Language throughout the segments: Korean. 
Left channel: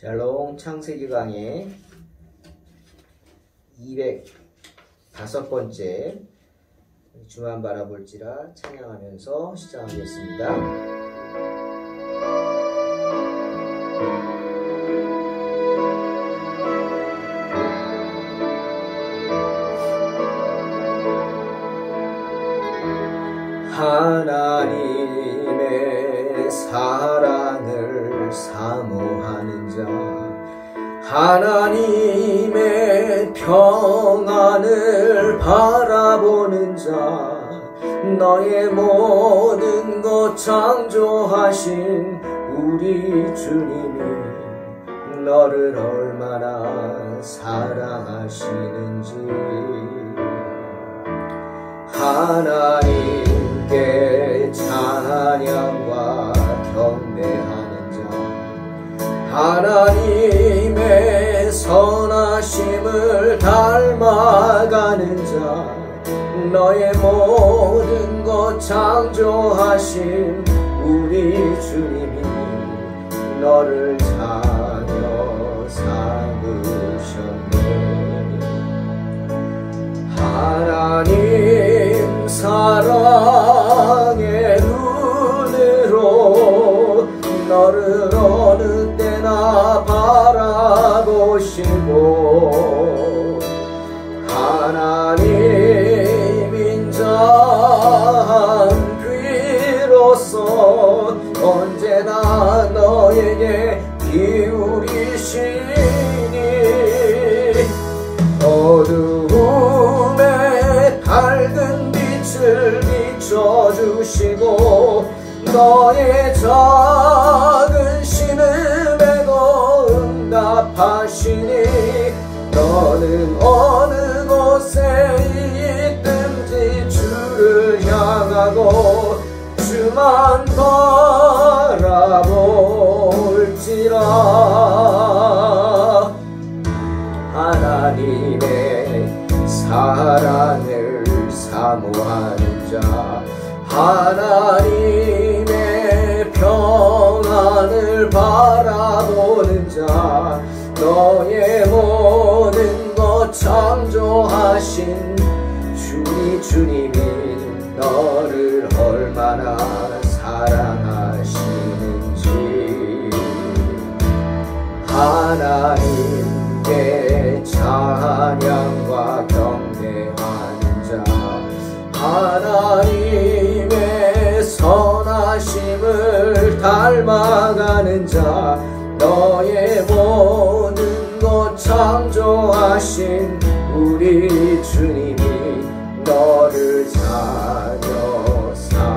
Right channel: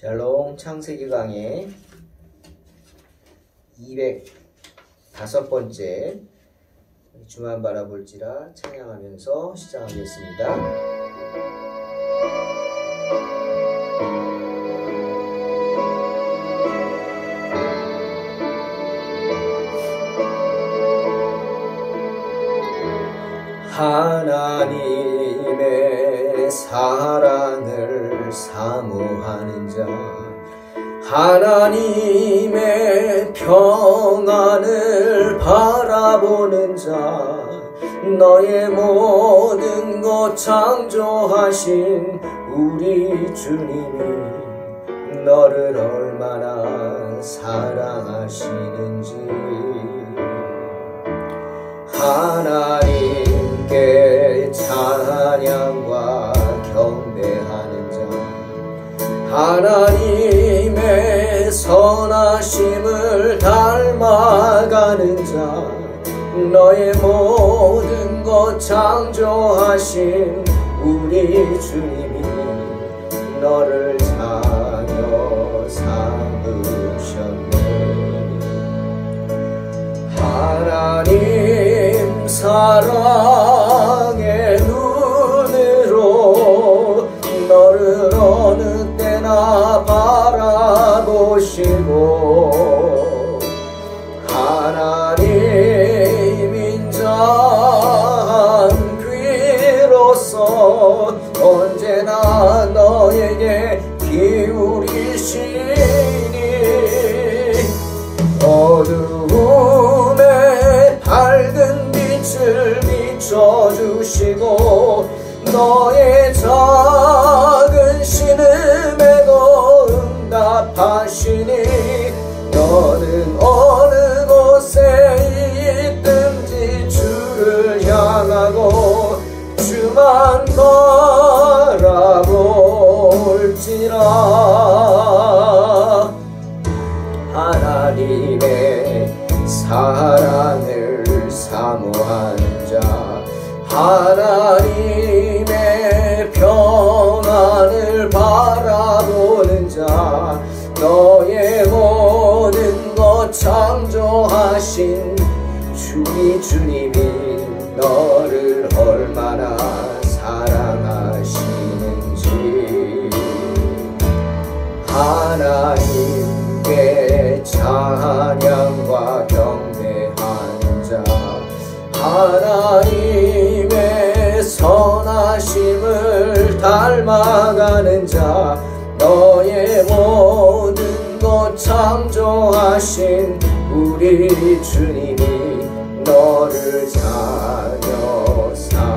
샬롬 창세기 강의 205번째 주만 바라볼지라 찬양하면서 시작하겠습니다. 하나님의 사랑을 사모하는 자, 하나님의 평안을 바라보는 자, 너의 모든 것 창조하신 우리 주님이 너를 얼마나 사랑하시는지, 하나님께 찬양과 경배하는 자, 하나님의 선하심을 닮아가는 자, 너의 모든 것 창조하신 우리 주님이 너를 자녀 삼으셨네. 하나님 사랑의 눈으로 너를 어느 때나 바라보시고, 하나님 인자한 귀로서 언제나 너에게 기울이시니, 어두움에 밝은 빛을 비춰주시고, 너의 작은 신음에도 응답하시니, 너는 어느 곳에 있든지 주를 향하고 주만 바라볼지라. 하나님의 사랑을 사모하는 자, 하나님의 평안을 바라보는 자, 너의 모든 것 창조하신 우리 주님이 너를 얼마나 사랑하시는지, 하나님께 찬양과 경배하는 자, 하나님의 선하심을 닮아가는 자, 너의 모든 것 창조하신 우리 주님이 너를 자녀 삼으셨네.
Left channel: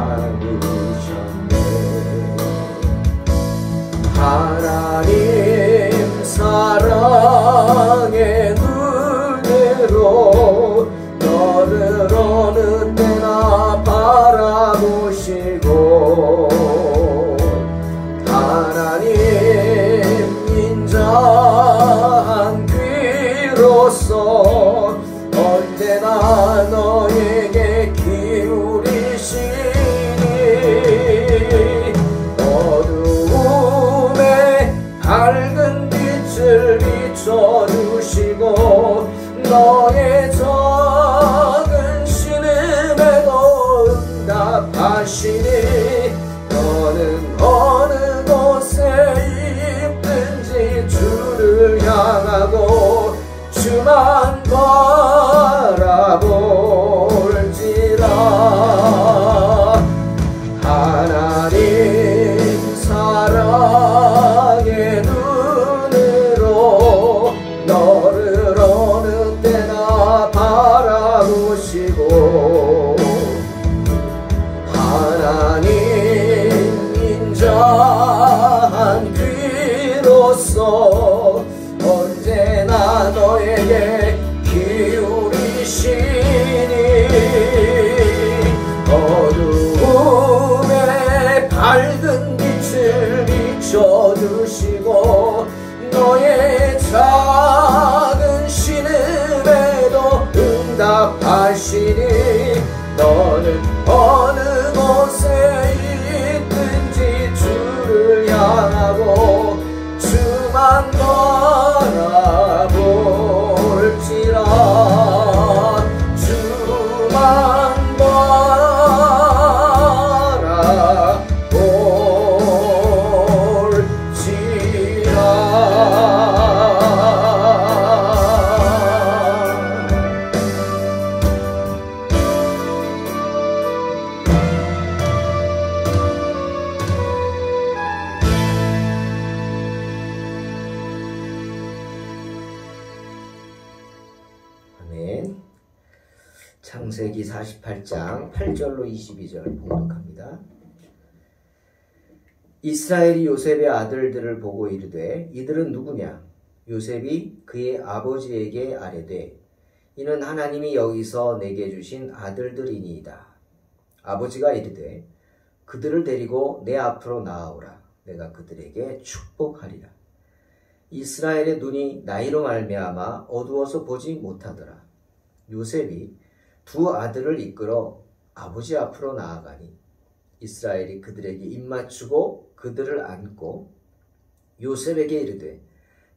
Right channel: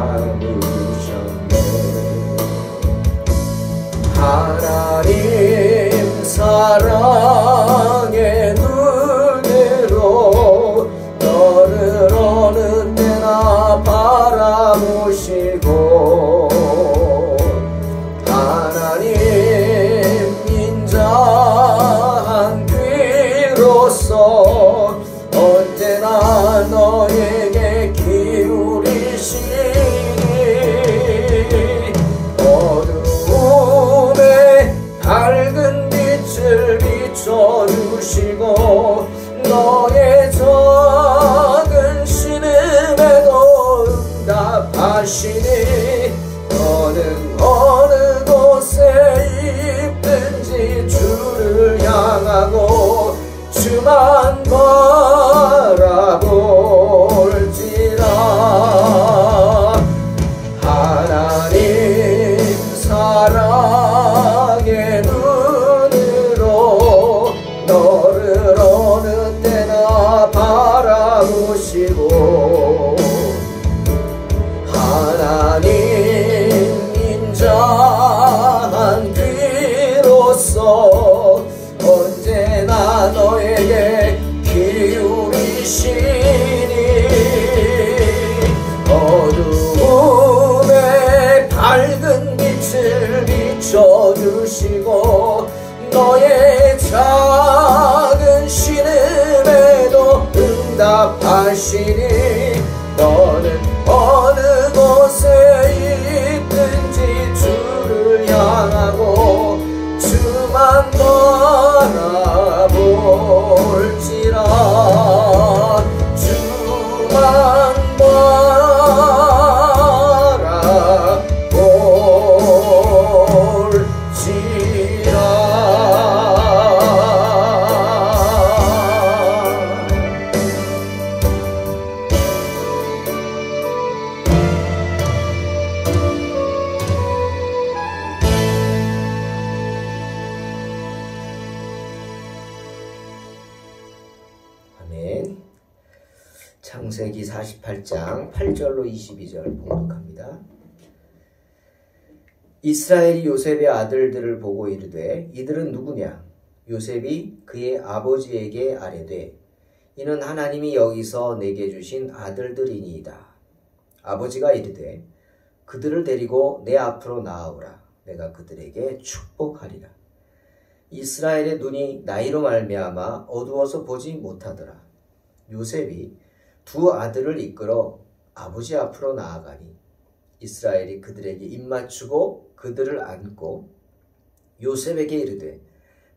하나님 사랑의 눈으로 너를 어느 때나 바라보시고, 하나님 인자한 귀로서 언제나 창세기 48장 8절로 22절 봉독합니다. 이스라엘이 요셉의 아들들을 보고 이르되 이들은 누구냐? 요셉이 그의 아버지에게 아뢰되 이는 하나님이 여기서 내게 주신 아들들이니이다. 아버지가 이르되 그들을 데리고 내 앞으로 나아오라. 내가 그들에게 축복하리라. 이스라엘의 눈이 나이로 말미암아 어두워서 보지 못하더라. 요셉이 두 아들을 이끌어 아버지 앞으로 나아가니 이스라엘이 그들에게 입맞추고 그들을 안고 요셉에게 이르되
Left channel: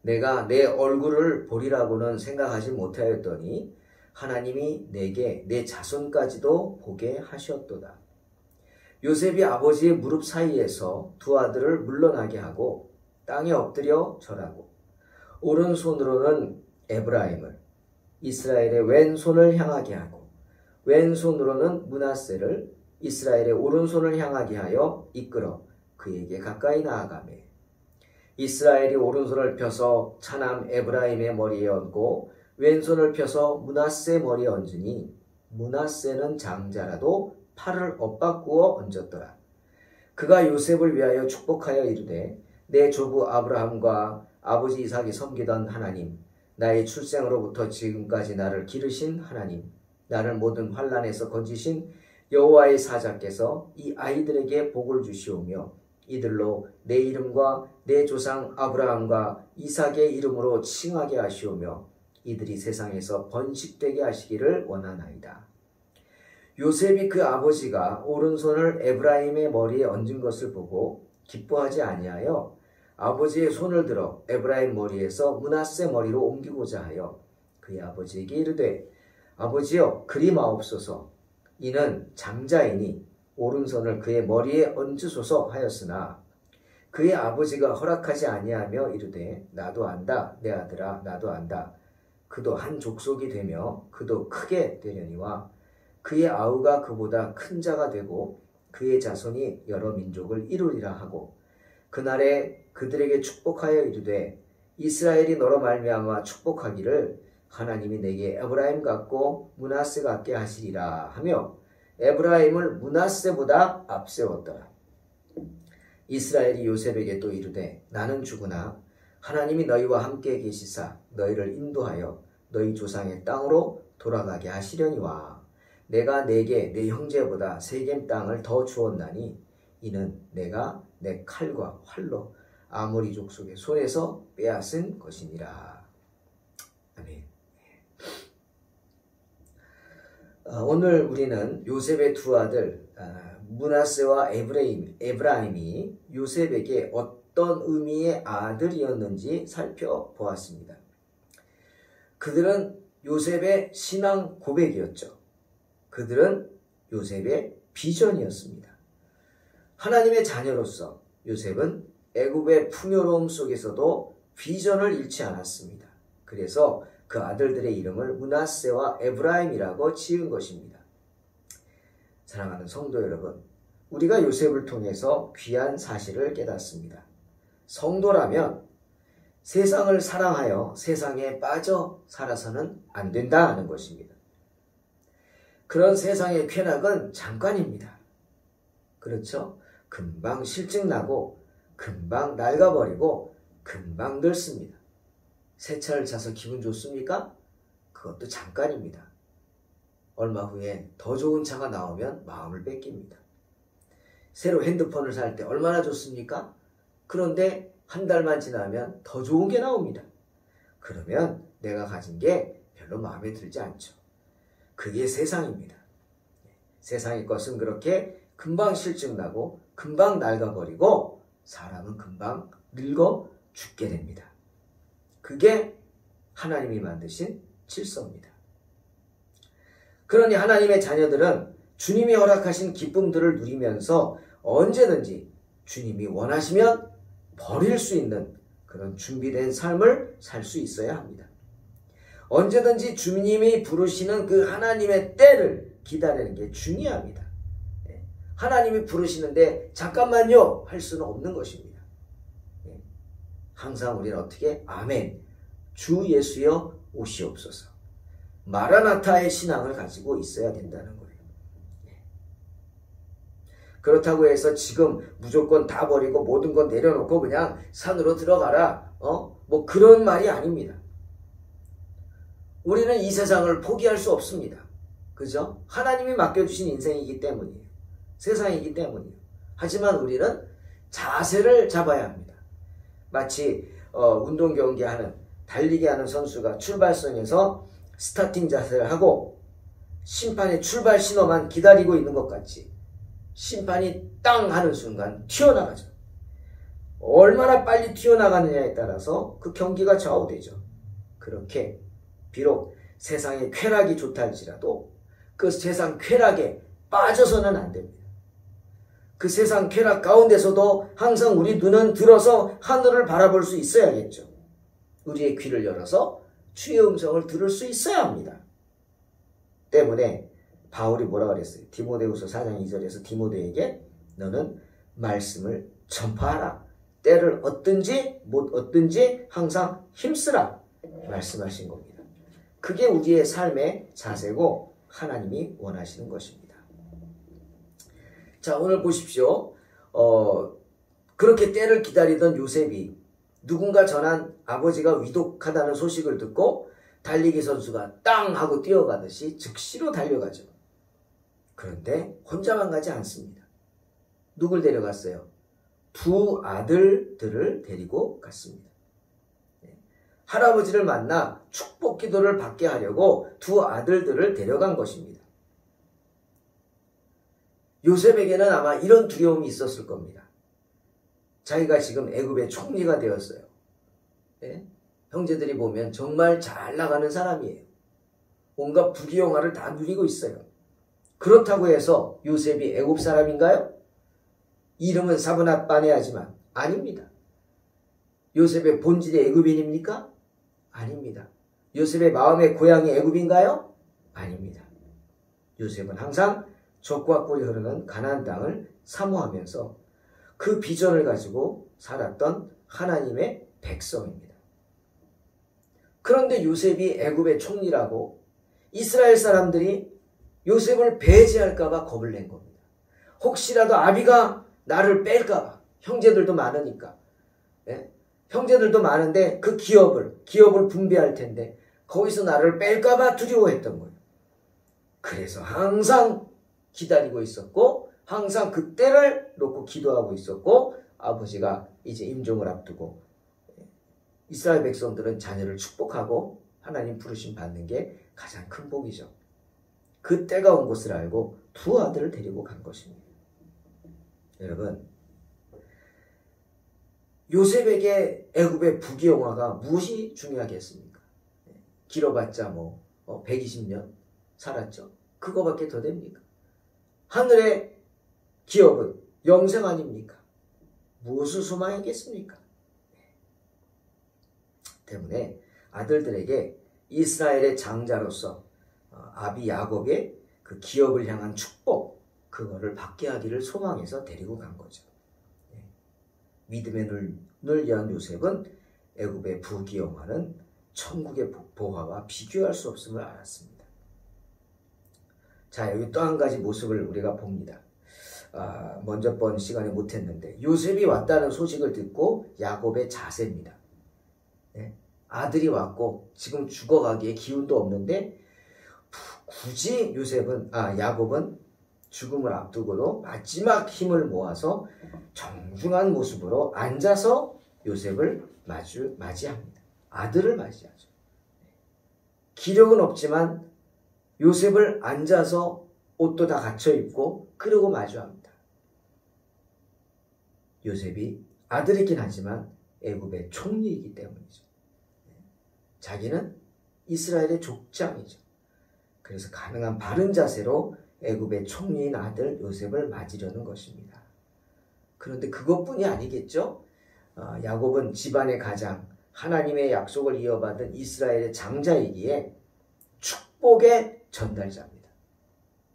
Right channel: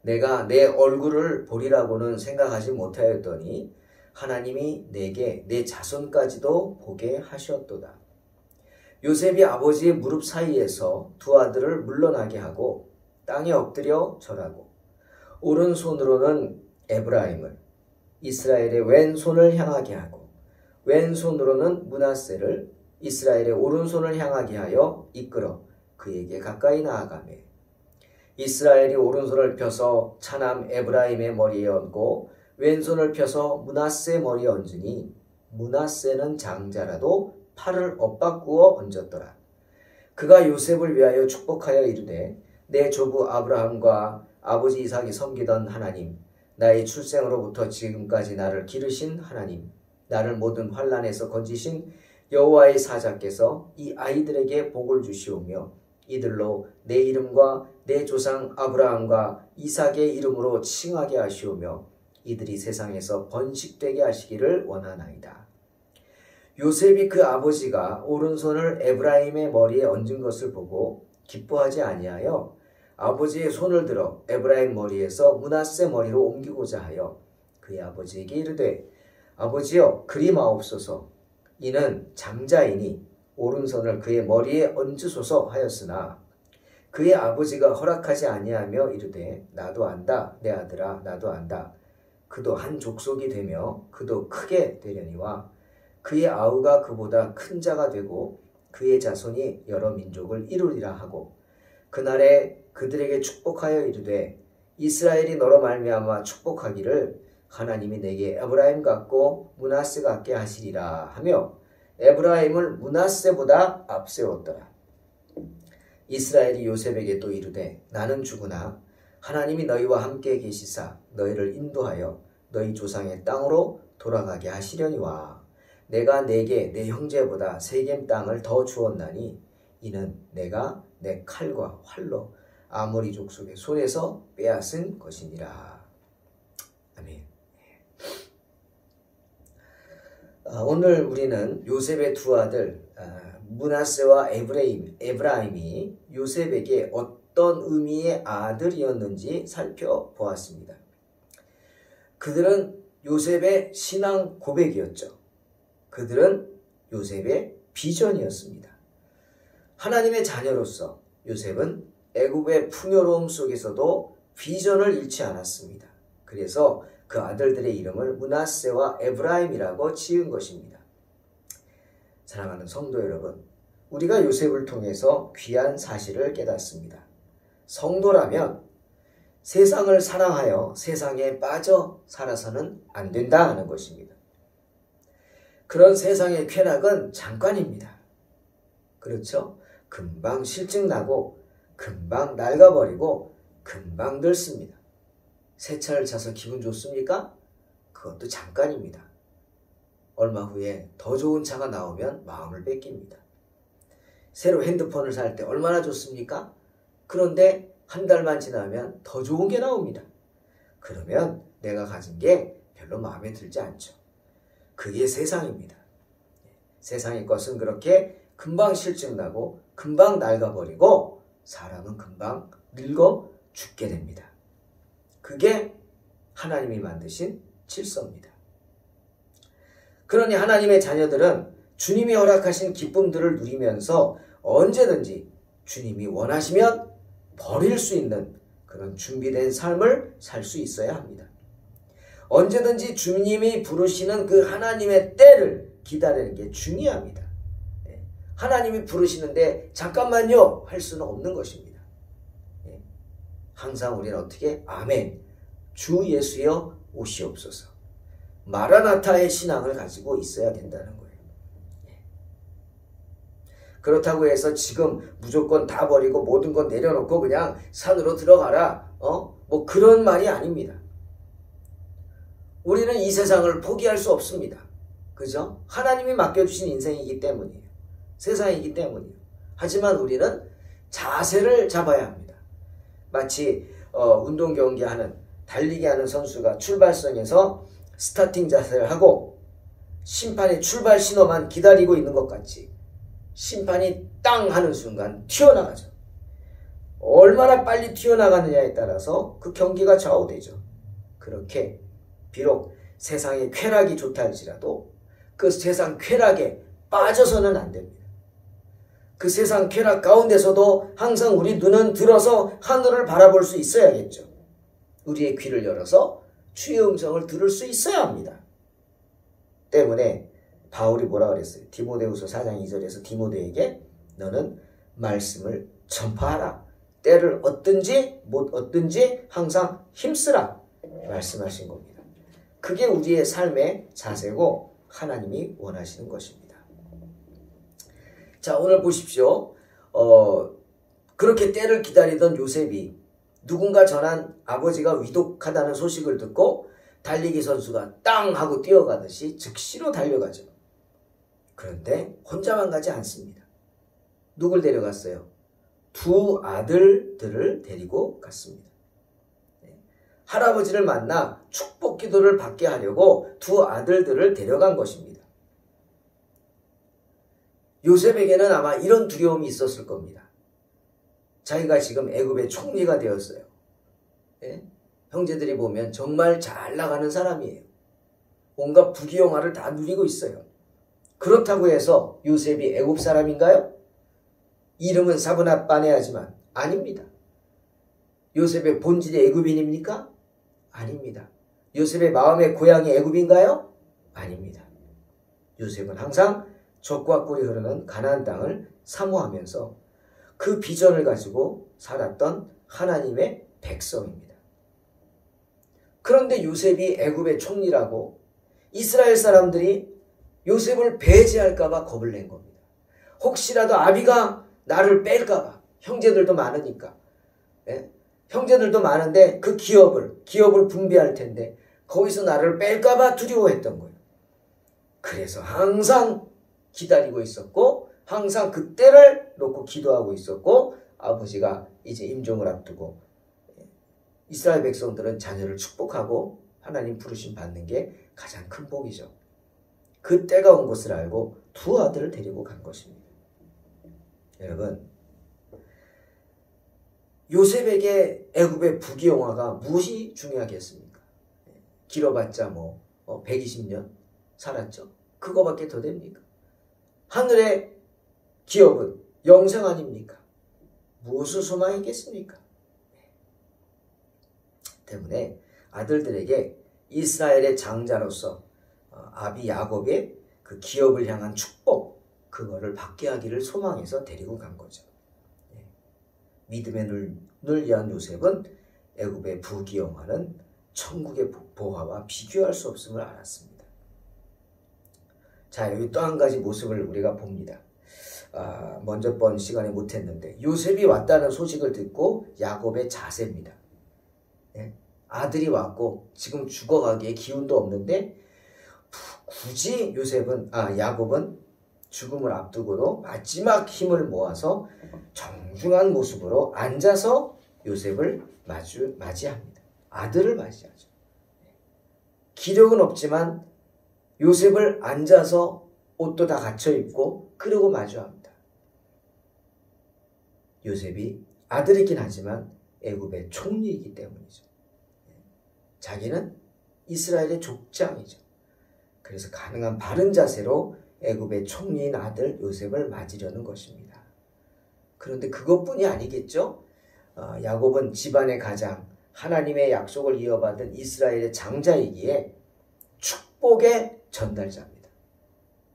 내가 내 얼굴을 보리라고는 생각하지 못하였더니 하나님이 내게 내 자손까지도 보게 하셨도다. 요셉이 아버지의 무릎 사이에서 두 아들을 물러나게 하고 땅에 엎드려 절하고 오른손으로는 에브라임을 이스라엘의 왼손을 향하게 하고 왼손으로는 므낫세를 이스라엘의 오른손을 향하게 하여 이끌어 그에게 가까이 나아가매 이스라엘이 오른손을 펴서 차남 에브라임의 머리에 얹고 왼손을 펴서 므낫세 머리에 얹으니 므낫세는 장자라도 팔을 엇바꾸어 얹었더라. 그가 요셉을 위하여 축복하여 이르되 내 조부 아브라함과 아버지 이삭이 섬기던 하나님, 나의 출생으로부터 지금까지 나를 기르신 하나님, 나를 모든 환난에서 건지신 여호와의 사자께서 이 아이들에게 복을 주시오며 이들로 내 이름과 내 조상 아브라함과 이삭의 이름으로 칭하게 하시오며 이들이 세상에서 번식되게 하시기를 원하나이다. 요셉이 그 아버지가 오른손을 에브라임의 머리에 얹은 것을 보고 기뻐하지 아니하여 아버지의 손을 들어 에브라임 머리에서 므낫세 머리로 옮기고자 하여 그의 아버지에게 이르되 아버지여 그리마옵소서. 이는 장자이니 오른손을 그의 머리에 얹으소서 하였으나 그의 아버지가 허락하지 아니하며 이르되 나도 안다 내 아들아 나도 안다. 그도 한 족속이 되며 그도 크게 되려니와 그의 아우가 그보다 큰 자가 되고 그의 자손이 여러 민족을 이루리라 하고 그날에 그들에게 축복하여 이르되 이스라엘이 너로 말미암아 축복하기를 하나님이 내게 에브라임 같고 므낫세 같게 하시리라 하며 에브라임을 므낫세보다 앞세웠더라. 이스라엘이 요셉에게 또 이르되 나는 죽으나 하나님이 너희와 함께 계시사 너희를 인도하여 너희 조상의 땅으로 돌아가게 하시려니와 내가 내게 내 형제보다 세겜 땅을 더 주었나니 이는 내가 내 칼과 활로 아모리 족속의 손에서 빼앗은 것이니라. 아멘. 오늘 우리는 요셉의 두 아들 므낫세와 에브라임이 요셉에게 어떤 의미의 아들이었는지 살펴보았습니다. 그들은 요셉의 신앙 고백이었죠. 그들은 요셉의 비전이었습니다. 하나님의 자녀로서 요셉은 애굽의 풍요로움 속에서도 비전을 잃지 않았습니다. 그래서 그 아들들의 이름을 므낫세와 에브라임이라고 지은 것입니다. 사랑하는 성도 여러분, 우리가 요셉을 통해서 귀한 사실을 깨닫습니다. 성도라면 세상을 사랑하여 세상에 빠져 살아서는 안 된다 하는 것입니다. 그런 세상의 쾌락은 잠깐입니다. 그렇죠? 금방 실증나고 금방 낡아버리고 금방 늙습니다. 새 차를 차서 기분 좋습니까? 그것도 잠깐입니다. 얼마 후에 더 좋은 차가 나오면 마음을 뺏깁니다. 새로 핸드폰을 살 때 얼마나 좋습니까? 그런데 한 달만 지나면 더 좋은 게 나옵니다. 그러면 내가 가진 게 별로 마음에 들지 않죠. 그게 세상입니다. 세상의 것은 그렇게 금방 실증나고 금방 낡아버리고 사람은 금방 늙어 죽게 됩니다. 그게 하나님이 만드신 질서입니다. 그러니 하나님의 자녀들은 주님이 허락하신 기쁨들을 누리면서 언제든지 주님이 원하시면 버릴 수 있는 그런 준비된 삶을 살 수 있어야 합니다. 언제든지 주님이 부르시는 그 하나님의 때를 기다리는 게 중요합니다. 하나님이 부르시는데 잠깐만요 할 수는 없는 것입니다. 항상 우리는 어떻게? 아멘. 주 예수여 오시옵소서. 마라나타의 신앙을 가지고 있어야 된다는 거예요. 그렇다고 해서 지금 무조건 다 버리고 모든 건 내려놓고 그냥 산으로 들어가라. 뭐 그런 말이 아닙니다. 우리는 이 세상을 포기할 수 없습니다. 그죠? 하나님이 맡겨주신 인생이기 때문이에요. 세상이기 때문이에요. 하지만 우리는 자세를 잡아야 합니다. 마치 운동 경기하는 달리기 하는 선수가 출발선에서 스타팅 자세를 하고 심판의 출발 신호만 기다리고 있는 것 같이 심판이 땅 하는 순간 튀어나가죠. 얼마나 빨리 튀어나가느냐에 따라서 그 경기가 좌우되죠. 그렇게 비록 세상의 쾌락이 좋다 할지라도 그 세상 쾌락에 빠져서는 안 됩니다. 그 세상 쾌락 가운데서도 항상 우리 눈은 들어서 하늘을 바라볼 수 있어야겠죠. 우리의 귀를 열어서 주의 음성을 들을 수 있어야 합니다. 때문에 바울이 뭐라 그랬어요? 디모데후서 4장 2절에서 디모데에게 너는 말씀을 전파하라. 때를 얻든지 못 얻든지 항상 힘쓰라. 말씀하신 겁니다. 그게 우리의 삶의 자세고 하나님이 원하시는 것입니다. 자, 오늘 보십시오. 그렇게 때를 기다리던 요셉이 누군가 전한 아버지가 위독하다는 소식을 듣고 달리기 선수가 땅 하고 뛰어가듯이 즉시로 달려가죠. 그런데 혼자만 가지 않습니다. 누굴 데려갔어요? 두 아들들을 데리고 갔습니다. 할아버지를 만나 축복 기도를 받게 하려고 두 아들들을 데려간 것입니다. 요셉에게는 아마 이런 두려움이 있었을 겁니다. 자기가 지금 애굽의 총리가 되었어요. 예? 형제들이 보면 정말 잘 나가는 사람이에요. 온갖 부귀영화를 다 누리고 있어요. 그렇다고 해서 요셉이 애굽 사람인가요? 이름은 사브낫바네아지만 아닙니다. 요셉의 본질이 애굽인입니까? 아닙니다. 요셉의 마음의 고향이 애굽인가요? 아닙니다. 요셉은 항상 젖과 꿀이 흐르는 가나안 땅을 사모하면서 그 비전을 가지고 살았던 하나님의 백성입니다. 그런데 요셉이 애굽의 총리라고 이스라엘 사람들이 요셉을 배제할까 봐 겁을 낸 겁니다. 혹시라도 아비가 나를 뺄까 봐. 형제들도 많으니까. 예? 형제들도 많은데 그 기업을 분배할 텐데 거기서 나를 뺄까 봐 두려워했던 거예요. 그래서 항상 기다리고 있었고 항상 그때를 놓고 기도하고 있었고 아버지가 이제 임종을 앞두고 이스라엘 백성들은 자녀를 축복하고 하나님 부르심 받는 게 가장 큰 복이죠. 그 때가 온 것을 알고 두 아들을 데리고 간 것입니다. 여러분, 요셉에게 애굽의 부귀영화가 무엇이 중요하겠습니까? 길어봤자 120년 살았죠. 그거밖에 더 됩니까? 하늘의 기업은 영생 아닙니까? 무엇을 소망이겠습니까? 때문에 아들들에게 이스라엘의 장자로서 아비 야곱의 그 기업을 향한 축복, 그거를 받게 하기를 소망해서 데리고 간 거죠. 믿음의 눈을 위한 요셉은 애굽의 부귀영화는 천국의 보화와 비교할 수 없음을 알았습니다. 자, 여기 또 한 가지 모습을 우리가 봅니다. 먼저 번 시간에 못했는데 요셉이 왔다는 소식을 듣고 야곱의 자세입니다. 아들이 왔고 지금 죽어가기에 기운도 없는데 굳이 야곱은 죽음을 앞두고도 마지막 힘을 모아서 정중한 모습으로 앉아서 요셉을 맞이합니다. 아들을 맞이하죠. 기력은 없지만 요셉을 앉아서 옷도 다 갖춰 입고 그러고 마주합니다. 요셉이 아들이긴 하지만 애굽의 총리이기 때문이죠. 자기는 이스라엘의 족장이죠. 그래서 가능한 바른 자세로 애굽의 총리인 아들 요셉을 맞으려는 것입니다. 그런데 그것뿐이 아니겠죠. 야곱은 집안의 가장 하나님의 약속을 이어받은 이스라엘의 장자이기에 축복의 전달자입니다.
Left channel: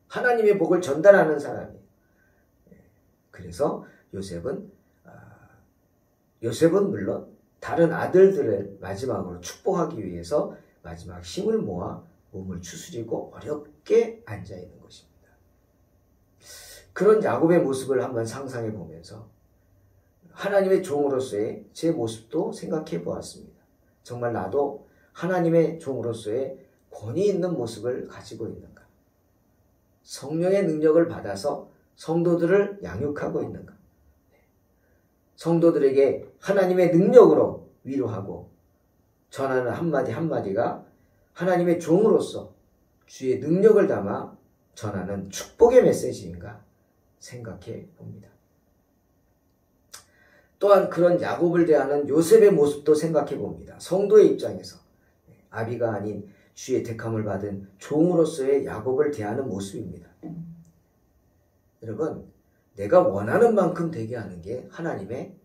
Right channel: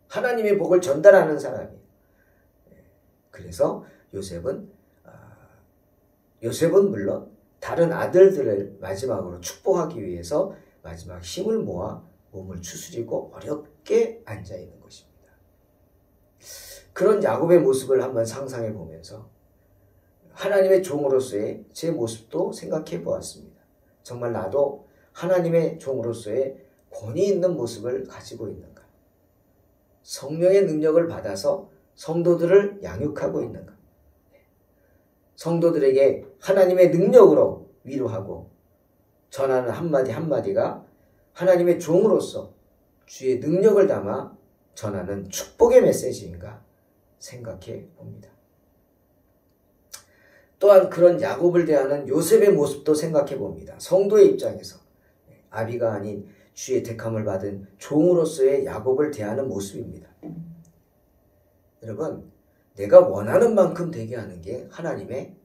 하나님의 복을 전달하는 사람이에요. 그래서 요셉은 물론 다른 아들들을 마지막으로 축복하기 위해서 마지막 힘을 모아 몸을 추스리고 어렵게 앉아 있는 것입니다. 그런 야곱의 모습을 한번 상상해 보면서 하나님의 종으로서의 제 모습도 생각해 보았습니다. 정말 나도 하나님의 종으로서의 권위 있는 모습을 가지고 있는가? 성령의 능력을 받아서 성도들을 양육하고 있는가? 성도들에게 하나님의 능력으로 위로하고 전하는 한마디 한마디가 하나님의 종으로서 주의 능력을 담아 전하는 축복의 메시지인가 생각해 봅니다. 또한 그런 야곱을 대하는 요셉의 모습도 생각해 봅니다. 성도의 입장에서 아비가 아닌 주의 택함을 받은 종으로서의 야곱을 대하는 모습입니다. 여러분, 내가 원하는 만큼 되게 하는 게 하나님의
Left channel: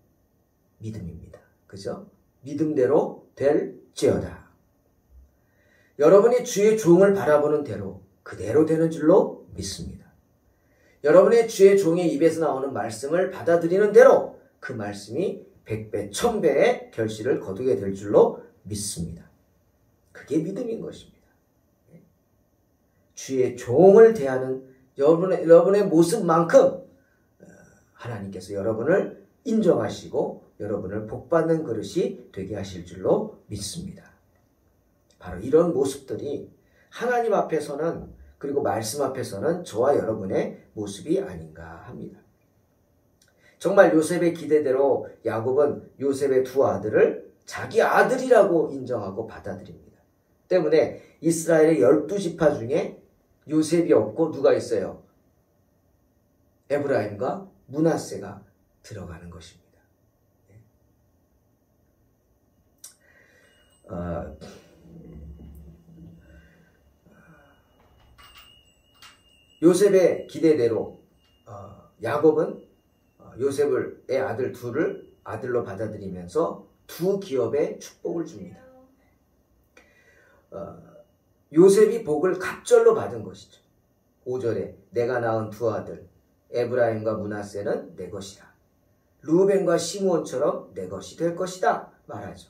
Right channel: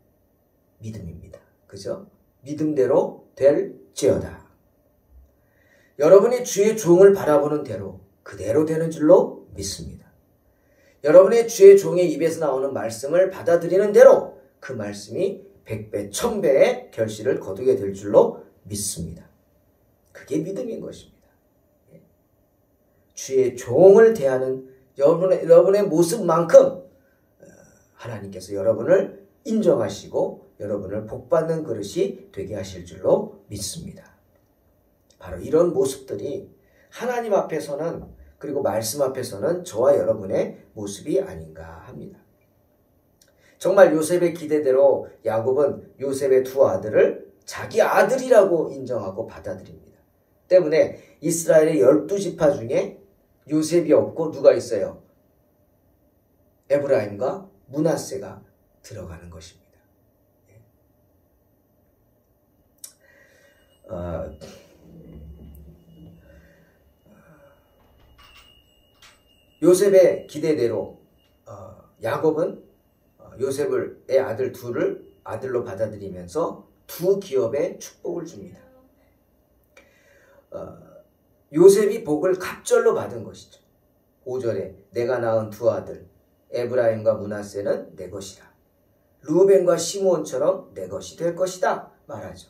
믿음입니다. 그죠? 믿음대로 될지어다. 여러분이 주의 종을 바라보는 대로 그대로 되는 줄로 믿습니다. 여러분의 주의 종의 입에서 나오는 말씀을 받아들이는 대로 그 말씀이 100배, 1000배의 결실을 거두게 될 줄로 믿습니다. 그게 믿음인 것입니다. 주의 종을 대하는 여러분의 모습만큼 하나님께서 여러분을 인정하시고 여러분을 복받는 그릇이 되게 하실 줄로 믿습니다. 바로 이런 모습들이 하나님 앞에서는 그리고 말씀 앞에서는 저와 여러분의 모습이 아닌가 합니다. 정말 요셉의 기대대로 야곱은 요셉의 두 아들을 자기 아들이라고 인정하고 받아들입니다. 때문에 이스라엘의 12지파 중에 요셉이 없고 누가 있어요? 에브라임과 므낫세가 들어가는 것입니다. 요셉의 기대대로 야곱은 요셉의 아들 둘을 아들로 받아들이면서 두 기업에 축복을 줍니다. 요셉이 복을 갑절로 받은 것이죠. 5절에 내가 낳은 두 아들 에브라임과 므낫세는 내 것이다. 루벤과 시므온처럼 내 것이 될 것이다 말하죠.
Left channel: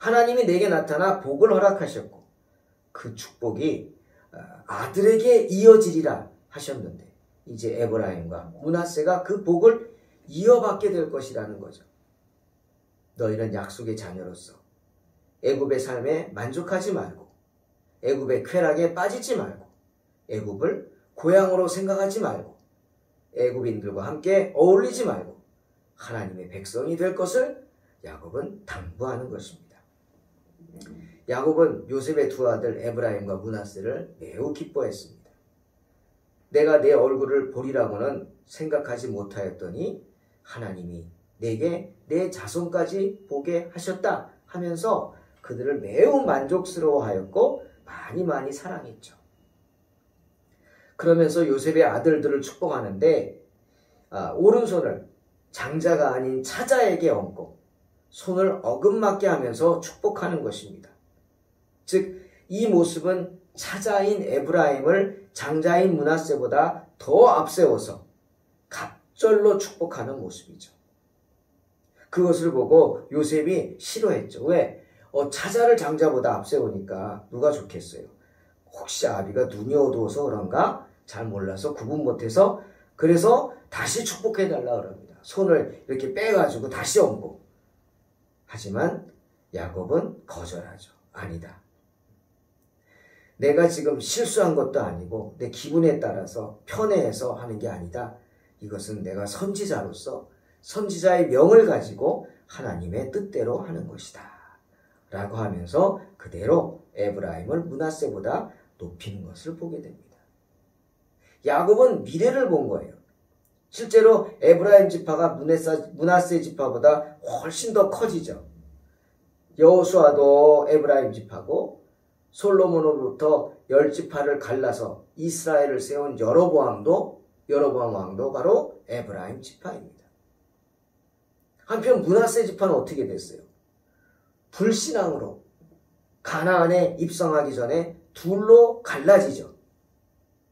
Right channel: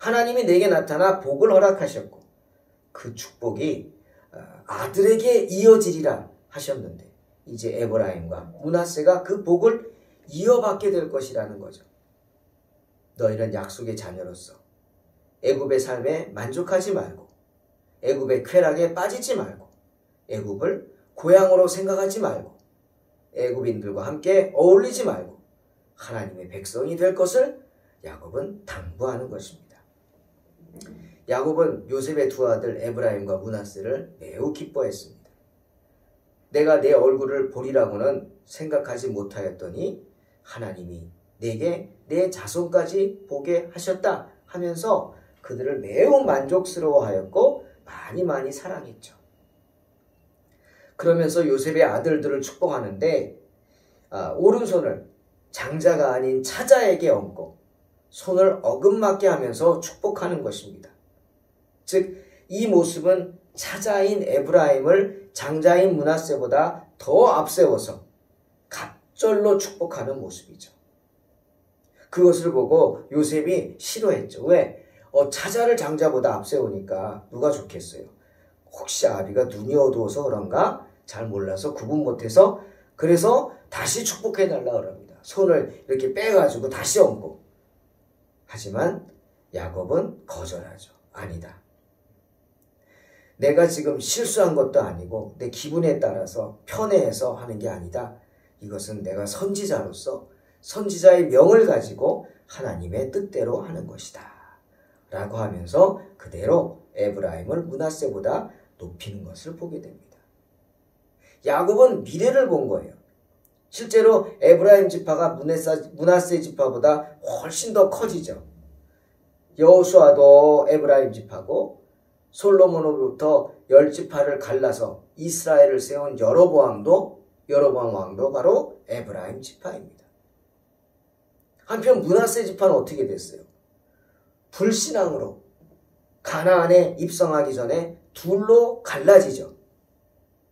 하나님이 내게 나타나 복을 허락하셨고 그 축복이 아들에게 이어지리라 하셨는데 이제 에브라임과 므낫세가 그 복을 이어받게 될 것이라는 거죠. 너희는 약속의 자녀로서 애굽의 삶에 만족하지 말고 애굽의 쾌락에 빠지지 말고 애굽을 고향으로 생각하지 말고 애굽인들과 함께 어울리지 말고 하나님의 백성이 될 것을 야곱은 당부하는 것입니다. 야곱은 요셉의 두 아들 에브라임과 므낫세를 매우 기뻐했습니다. 내가 내 얼굴을 보리라고는 생각하지 못하였더니 하나님이 내게 내 자손까지 보게 하셨다 하면서 그들을 매우 만족스러워하였고 많이 사랑했죠. 그러면서 요셉의 아들들을 축복하는데 오른손을 장자가 아닌 차자에게 얹고 손을 어긋맞게 하면서 축복하는 것입니다. 즉 이 모습은 차자인 에브라임을 장자인 므낫세보다 더 앞세워서 갑절로 축복하는 모습이죠. 그것을 보고 요셉이 싫어했죠. 왜? 차자를 장자보다 앞세우니까 누가 좋겠어요? 혹시 아비가 눈이 어두워서 그런가? 잘 몰라서 구분 못해서 그래서 다시 축복해달라 그럽니다. 손을 이렇게 빼가지고 다시 얹고. 하지만 야곱은 거절하죠. 아니다. 내가 지금 실수한 것도 아니고 내 기분에 따라서 편애해서 하는 게 아니다. 이것은 내가 선지자로서 선지자의 명을 가지고 하나님의 뜻대로 하는 것이다. 라고 하면서 그대로 에브라임을 므낫세보다 높이는 것을 보게 됩니다. 야곱은 미래를 본 거예요. 실제로 에브라임 지파가 므낫세 지파보다 훨씬 더 커지죠. 여호수아도 에브라임 지파고 솔로몬으로부터 10지파를 갈라서 이스라엘을 세운 여로보암 왕도 바로 에브라임 지파입니다. 한편 므낫세 지파는 어떻게 됐어요? 불신앙으로 가나안에 입성하기 전에 둘로 갈라지죠.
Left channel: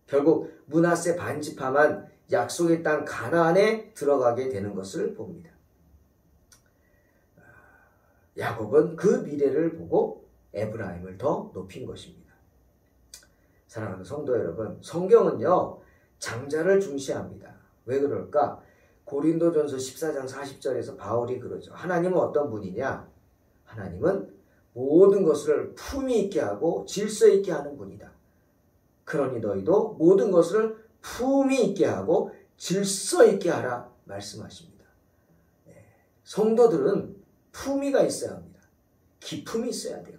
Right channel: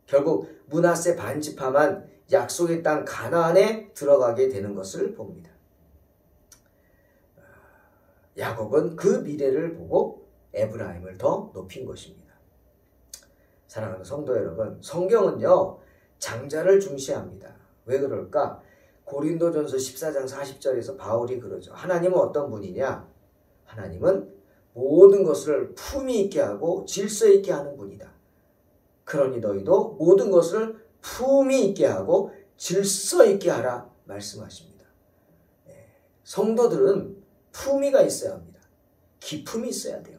결국 므낫세 반지파만 약속의 땅 가나안에 들어가게 되는 것을 봅니다. 야곱은 그 미래를 보고 에브라임을 더 높인 것입니다. 사랑하는 성도 여러분, 성경은요 장자를 중시합니다. 왜 그럴까? 고린도전서 14장 40절에서 바울이 그러죠. 하나님은 어떤 분이냐? 하나님은 모든 것을 품위 있게 하고 질서 있게 하는 분이다. 그러니 너희도 모든 것을 품위 있게 하고 질서 있게 하라 말씀하십니다. 성도들은 품위가 있어야 합니다. 기품이 있어야 돼요.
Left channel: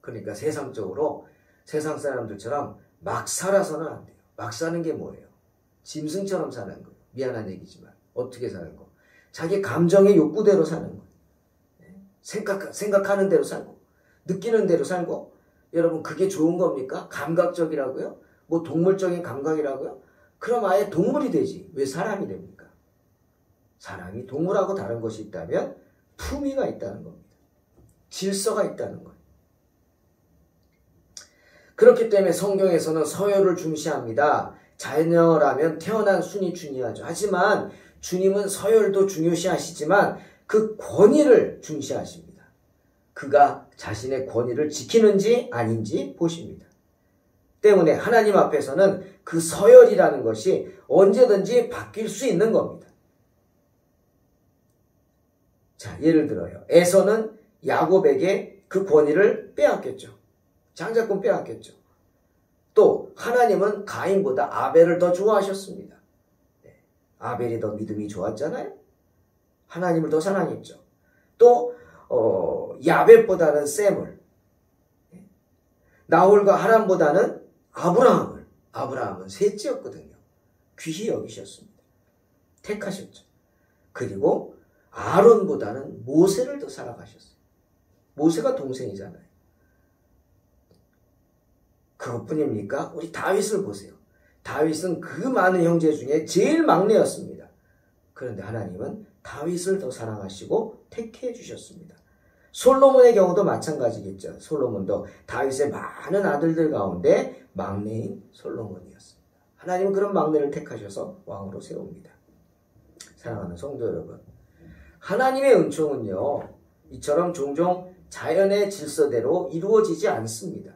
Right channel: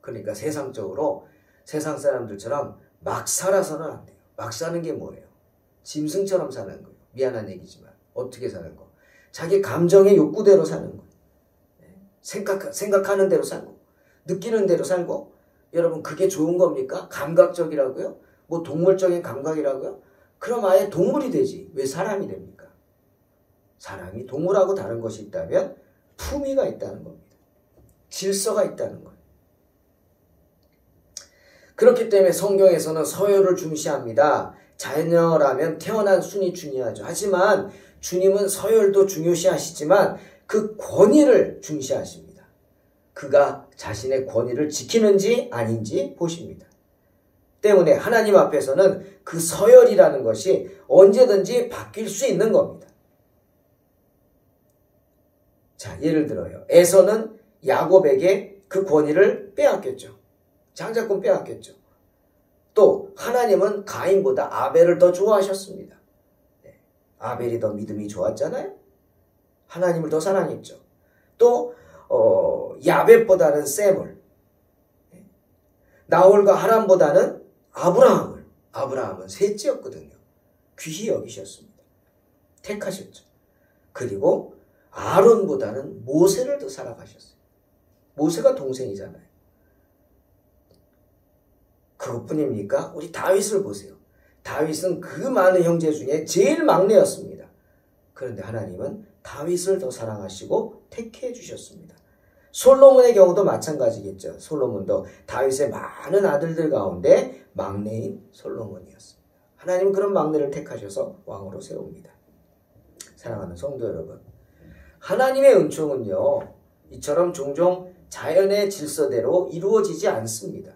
그러니까 세상적으로 세상 사람들처럼 막 살아서는 안 돼요. 막 사는 게 뭐예요? 짐승처럼 사는 거예요. 미안한 얘기지만 어떻게 사는 거? 자기 감정의 욕구대로 사는 거예요. 생각하는 대로 살고 느끼는 대로 살고. 여러분 그게 좋은 겁니까? 감각적이라고요? 뭐 동물적인 감각이라고요? 그럼 아예 동물이 되지 왜 사람이 됩니까? 사람이 동물하고 다른 것이 있다면 품위가 있다는 겁니다. 질서가 있다는 거예요. 그렇기 때문에 성경에서는 서열을 중시합니다. 자녀라면 태어난 순이 중요하죠. 하지만 주님은 서열도 중요시하시지만 그 권위를 중시하십니다. 그가 자신의 권위를 지키는지 아닌지 보십니다. 때문에 하나님 앞에서는 그 서열이라는 것이 언제든지 바뀔 수 있는 겁니다. 자, 예를 들어요. 에서는 야곱에게 그 권위를 빼앗겼죠. 장자권 빼앗겼죠. 또 하나님은 가인보다 아벨을 더 좋아하셨습니다. 아벨이 더 믿음이 좋았잖아요. 하나님을 더 사랑했죠. 또 야벳보다는 셈을, 나홀과 하람보다는 아브라함은 셋째였거든요. 귀히 여기셨습니다. 택하셨죠. 그리고 아론보다는 모세를 더 사랑하셨어요. 모세가 동생이잖아요. 그것뿐입니까? 우리 다윗을 보세요. 다윗은 그 많은 형제 중에 제일 막내였습니다. 그런데 하나님은 다윗을 더 사랑하시고 택해 주셨습니다. 솔로몬의 경우도 마찬가지겠죠. 솔로몬도 다윗의 많은 아들들 가운데 막내인 솔로몬이었습니다. 하나님은 그런 막내를 택하셔서 왕으로 세웁니다. 사랑하는 성도 여러분, 하나님의 은총은요 이처럼 종종 자연의 질서대로 이루어지지 않습니다.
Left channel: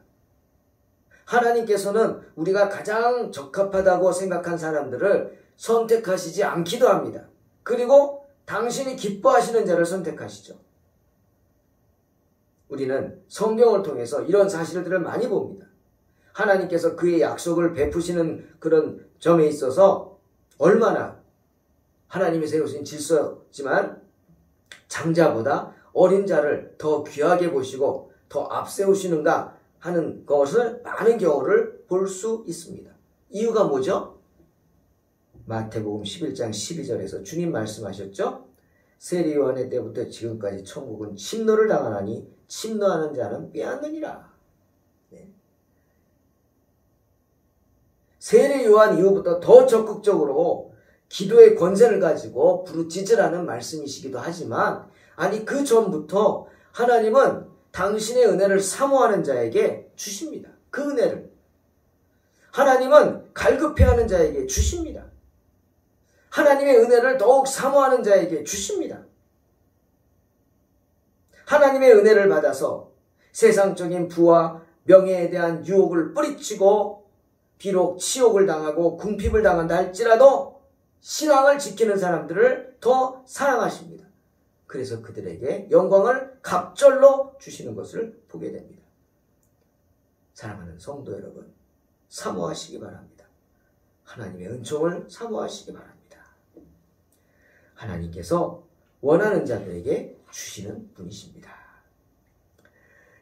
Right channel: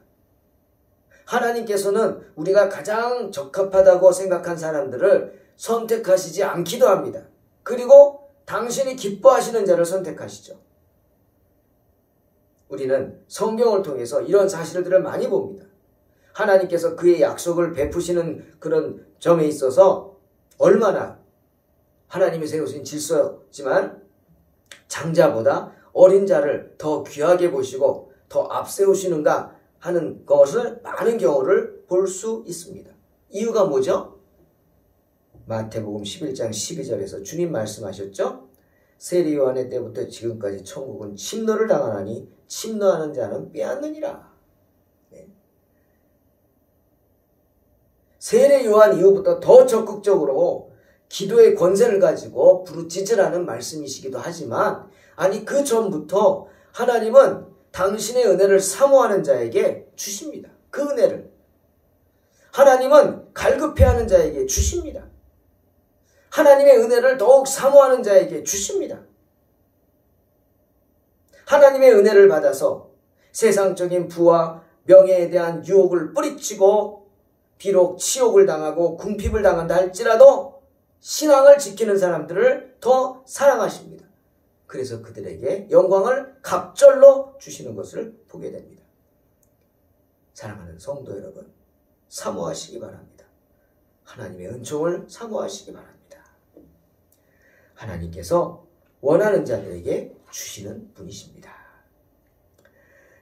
하나님께서는 우리가 가장 적합하다고 생각한 사람들을 선택하시지 않기도 합니다. 그리고 당신이 기뻐하시는 자를 선택하시죠. 우리는 성경을 통해서 이런 사실들을 많이 봅니다. 하나님께서 그의 약속을 베푸시는 그런 점에 있어서 얼마나 하나님이 세우신 질서지만 장자보다 어린 자를 더 귀하게 보시고 더 앞세우시는가 하는 것을 많은 경우를 볼 수 있습니다. 이유가 뭐죠? 마태복음 11장 12절에서 주님 말씀하셨죠? 세리 요한의 때부터 지금까지 천국은 침노를 당하나니 침노하는 자는 빼앗느니라. 네. 세례 요한 이후부터 더 적극적으로 기도의 권세를 가지고 부르짖으라는 말씀이시기도 하지만, 아니 그 전부터 하나님은 당신의 은혜를 사모하는 자에게 주십니다. 그 은혜를 하나님은 갈급해하는 자에게 주십니다. 하나님의 은혜를 더욱 사모하는 자에게 주십니다. 하나님의 은혜를 받아서 세상적인 부와 명예에 대한 유혹을 뿌리치고 비록 치욕을 당하고 궁핍을 당한다 할지라도 신앙을 지키는 사람들을 더 사랑하십니다. 그래서 그들에게 영광을 갑절로 주시는 것을 보게 됩니다. 사랑하는 성도 여러분, 사모하시기 바랍니다. 하나님의 은총을 사모하시기 바랍니다. 하나님께서 원하는 자들에게 주시는 분이십니다.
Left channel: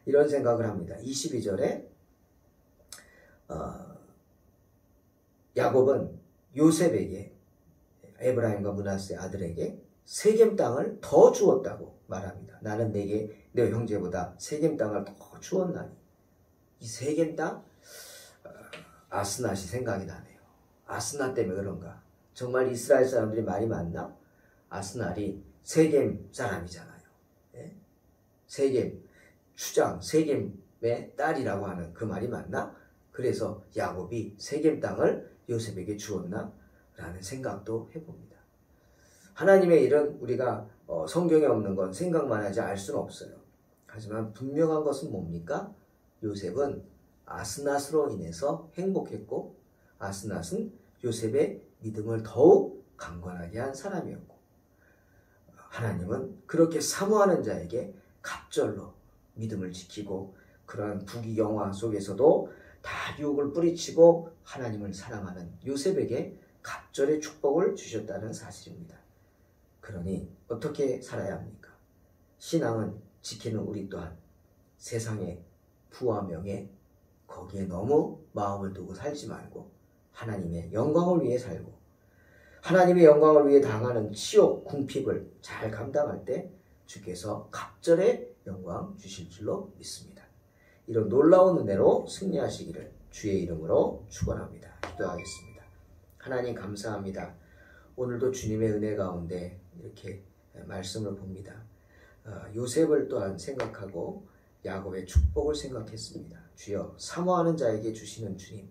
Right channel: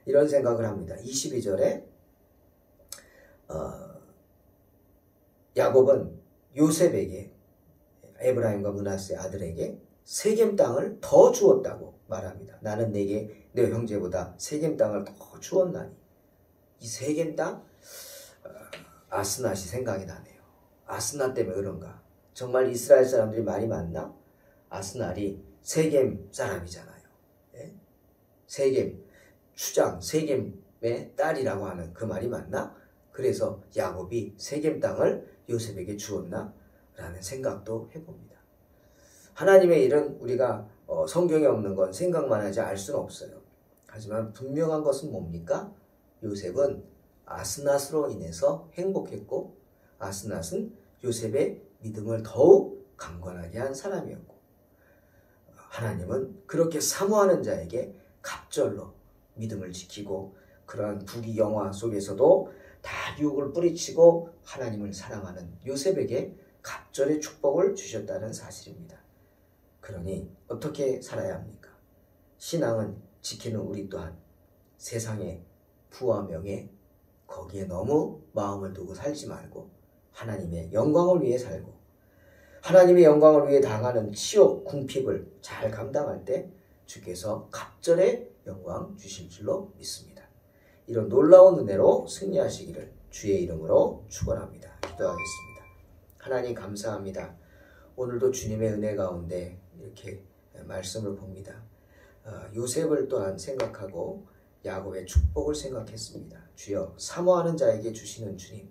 이런 생각을 합니다. 22절에 야곱은 요셉에게, 에브라임과 므낫세 아들에게 세겜 땅을 더 주었다고 말합니다. 나는 내게 내 형제보다 세겜 땅을 더 주었나니. 이 세겜 땅, 아스낫이 생각이 나네요. 아스낫 때문에 그런가? 정말 이스라엘 사람들이 많이 많나? 아스낫이 세겜 사람이잖아요. 네? 세겜, 추장, 세겜의 딸이라고 하는 그 말이 맞나? 그래서 야곱이 세겜 땅을 요셉에게 주었나? 라는 생각도 해봅니다. 하나님의 일은 우리가 성경에 없는 건 생각만 하지 알 수는 없어요. 하지만 분명한 것은 뭡니까? 요셉은 아스낫으로 인해서 행복했고 아스낫은 요셉의 믿음을 더욱 강건하게 한 사람이었고 하나님은 그렇게 사모하는 자에게 갑절로 믿음을 지키고 그러한 부귀영화 속에서도 다 유혹을 뿌리치고 하나님을 사랑하는 요셉에게 갑절의 축복을 주셨다는 사실입니다. 그러니 어떻게 살아야 합니까? 신앙은 지키는 우리 또한 세상의 부와 명예 거기에 너무 마음을 두고 살지 말고 하나님의 영광을 위해 살고 하나님의 영광을 위해 당하는 치욕, 궁핍을 잘 감당할 때 주께서 갑절의 영광 주실 줄로 믿습니다. 이런 놀라운 은혜로 승리하시기를 주의 이름으로 축원합니다. 기도하겠습니다. 하나님 감사합니다. 오늘도 주님의 은혜 가운데 이렇게 말씀을 봅니다. 요셉을 또한 생각하고 야곱의 축복을 생각했습니다. 주여 사모하는 자에게 주시는 주님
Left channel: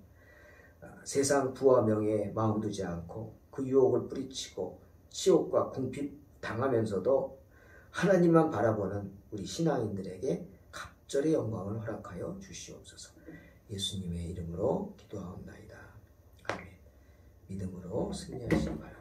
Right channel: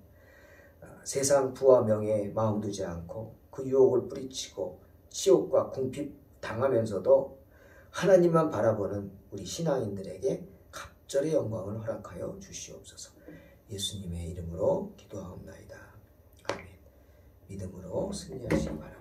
세상 부와 명예에 마음 두지 않고 그 유혹을 뿌리치고 치욕과 궁핍 당하면서도 하나님만 바라보는 우리 신앙인들에게 갑절의 영광을 허락하여 주시옵소서. 예수님의 이름으로 기도하옵나이다. 아멘. 믿음으로 승리하시기 바랍니다.